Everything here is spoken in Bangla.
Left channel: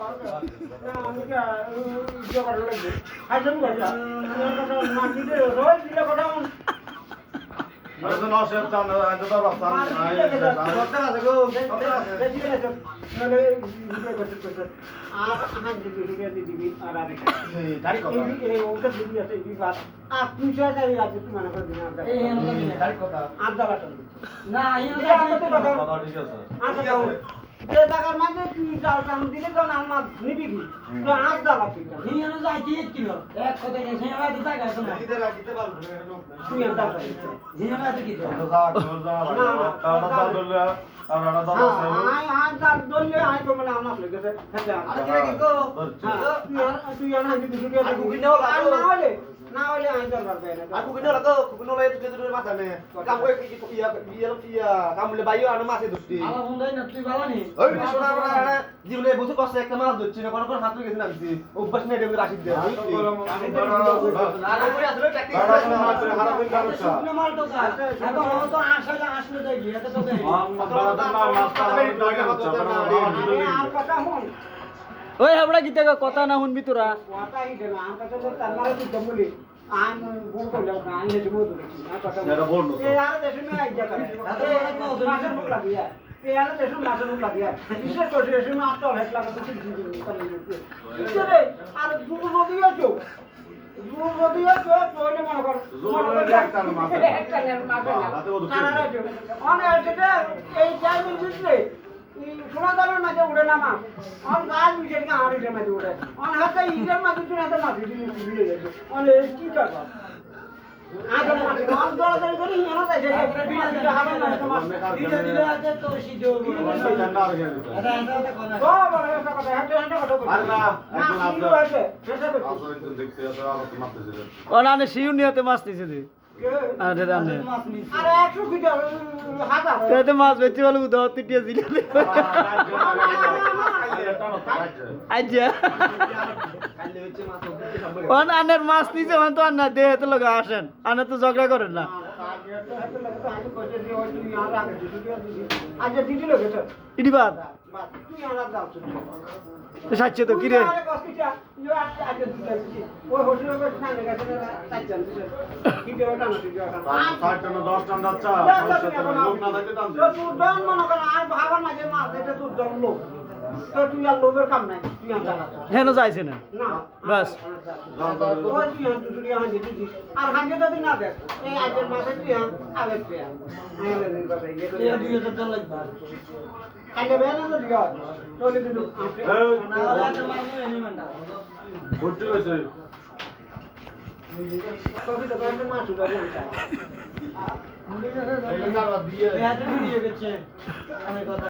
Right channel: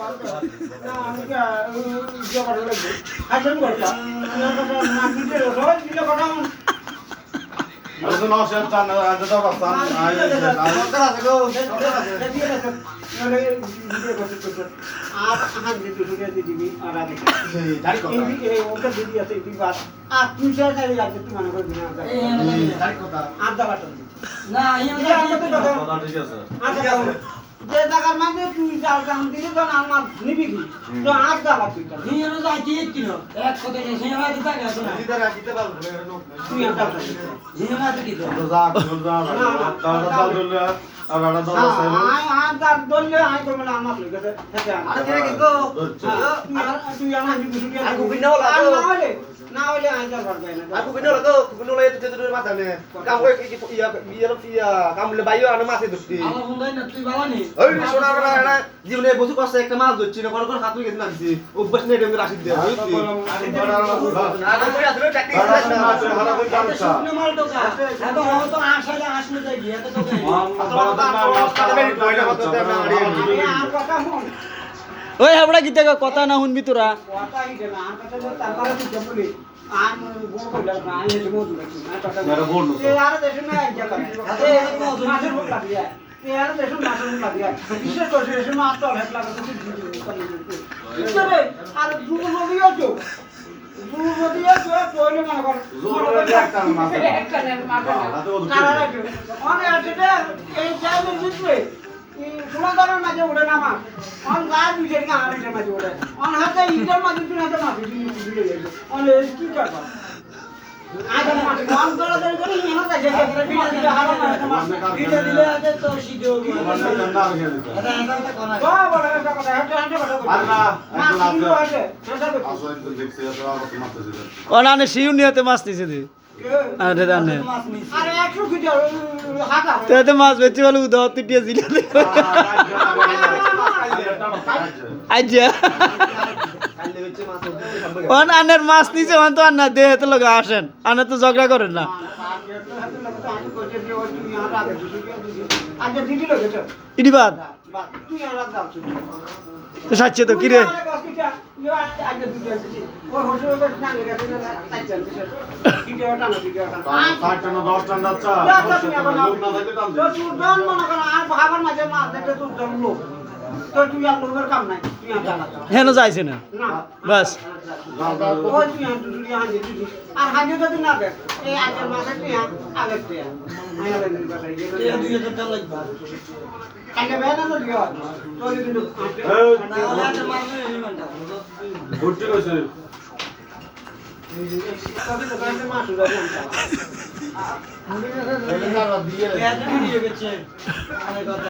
না আমি ইয়ে করা লাগবে আইসন করতা মাটি দিয়ে রোজ দিলে কটা আরে না সে জান আজ তো রাস্তা আই সরকার আছে গো সরকার আছে দিয়ে আছে নলে ভিডিও করতে আর আমার দিদি দিবি আর আমি দাড়ি কথা এই ওটা দিদি আছে এই বাত আর তুই যা যাই লাগবে তুই মনে করবি না এই দাড়ি কথা আড্ডা বাটন না কথা ঠিক আছে আচ্ছা যে টাকার মাঝে তুই যাও কাম দিলে তো আমার নিবি কি তো আড্ডা বাটন নিয়ে যাই কি কিলো এক কথা সে না দিতা গেছ না দিতে রাখতে পারবো তুই আড্ডা নিয়ে না দিতি তো যা যা দাদা বললে আর দাদা দাদা আই আই তার দললে আই তো মানে আমার লগে আছে আরে কেন কি গো তুই আমার আমি কিছু দিয়ে aku kena lah tu. না হলে আই তার পারবে না Aku kena lah tu. Aku kena lah itu tu masa ni. Kamu iya kamu lebih ayo anu masih tu. আমার বন্ধুই না তুই ভালো নি ওই সোনা বড় না জীবনে বসে কষ্ট একটা মাছ ধরছি না কোন কোন হাত গেছে না দিছি অভ্যাস নেই এমনি রাশি দিয়ে বুঝছি না কই আসলে প্র্যাকটিস শুকনো মাল তো কা এখন ও তো আসলে আসলে যাই গিয়ে তো তোকে আর কথা হন ওই হাবড়া গীতে কথা না শুনবি তোরা কথা ইদে না আর কথা তারপরে তুই জবলি আই বল কইলা না আই হেতে বল দিছি না কথা মেরা বল না এ আর দেশে মে আই জায়গা মাছের মুখ লাগিয়া এ আর দেশে মাছের মুখ লাগিয়া বিশেষ করে দেশে মাছ তো হেট লাগা তো কিছু ইতরে আর দুটো নদীও তো দুটো নদীও তো কইলে মনে কর একটা মাছ একটা মাছ তারা অনে আছে এই জায়গার ভিতরে এই সমুদ্রের মাঝে উঠে না মাছ অন গাছ বিশেষ না আড়িটের মাঝে উঠে অন হাতে ইটের মাঝে তুই হাতে মাছ দিলে গেছে অন কি করবা আগে মাছ অন দৌড়াদৌড়ি করে ইনো তাই যে ভিডিও হারা মাছ ভিডিও দিলে আছে তো সিডিও আচ্ছা এটা কোন ও বড় একটা কথা হাতে হাতে কথা আর না একজন আছে আছে আসো একজন দেখছি এত আর মারতেছে ও না শিউ নিয়েতে মাছ নিছে দি আরে জানে মাছ নি আরে 100 কিলো হাতা তেতে মাছ বেচি বলে উদাও তিটিয়ে দিল আজ্জা কাইলে বেচে মাছ ওন আনের মাছ নিছে ওন তো আন্না দেহে তো লগা আসেন আনে তো ঝগড়া করেন না আচ্ছা দিদি লোক এটা ইডি বাদ তুই আর দাও তো সাচ্ছে তো কিরে ওই হোটেল না গেছে তাই চলছে ভিডিও টানা ভিডিও টানা 5 টানা 10 টানা যাচ্ছে লোক না থাকলে টান দে তুই দন মনে কর আর ভাবার মাঝে মাছ দেখে তুই দন লোক তো তুই আর লোকের কাম নাই তুই আর জানা হেন যাইছে না না বাস ওই তুই আর তুই আর দিদি আর হাজিও যদি না দেখ এই আজের মাসে তুই আগে তুই আইলে নেই বাসায় এই 2000 টাকা লাগবে কালে বেনা তো দিও তোলে কিন্তু না হলে আর মাছ নেই মানটা ঘুরতে গেছে তোকে তো কাছে মাছ উড়াবে এই কালা দিয়ে এটা ভিডিও গেছে অনেক কথা